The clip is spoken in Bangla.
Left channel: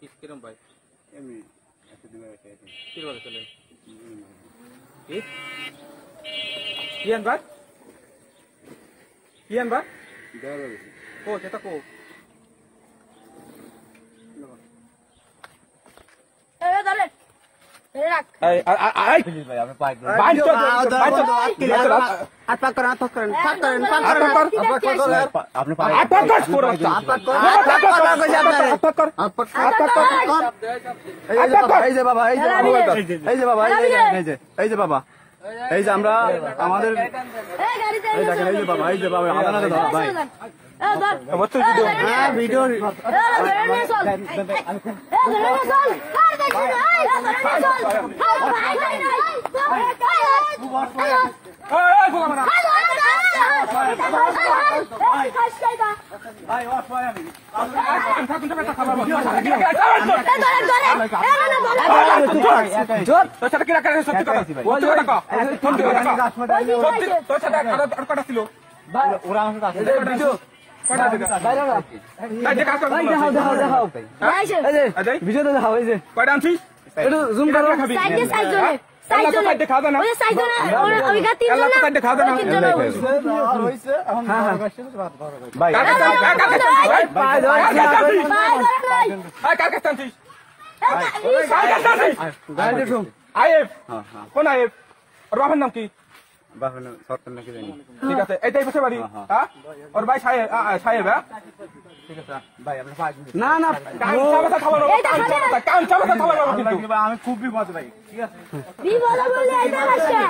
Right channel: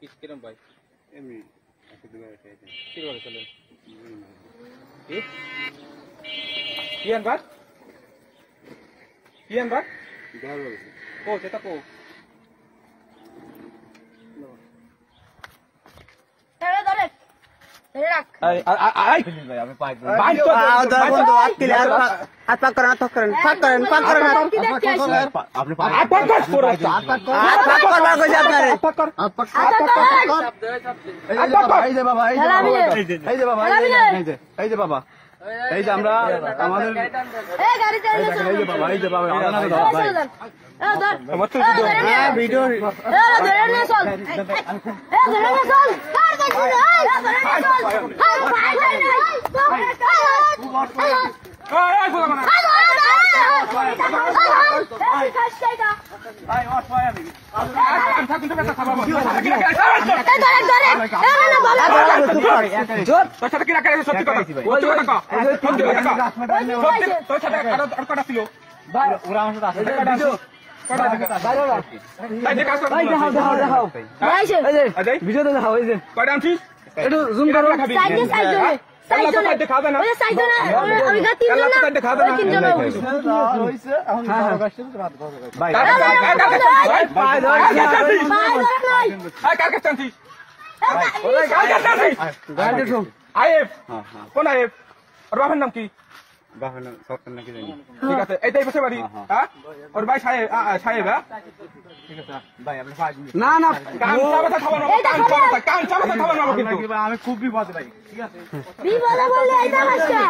কিরম ভাই এমনি আছে দুবার আছে কি করে চলেন কি আনবা দাঁড়াবে ও যেটা কো এই যে আমরা আমাদের ভিডিও জুম করো কোন আয়েব ওর বাপের নাম কি সরকার নাকি জানি ঠিক আছে এইটাই বসে বাড়ি হ্যাঁ ওর ভাই সাহেব সাহেব না না আমি খুব বিপদ ভাই বিপদে বললে এটা বাচ্চা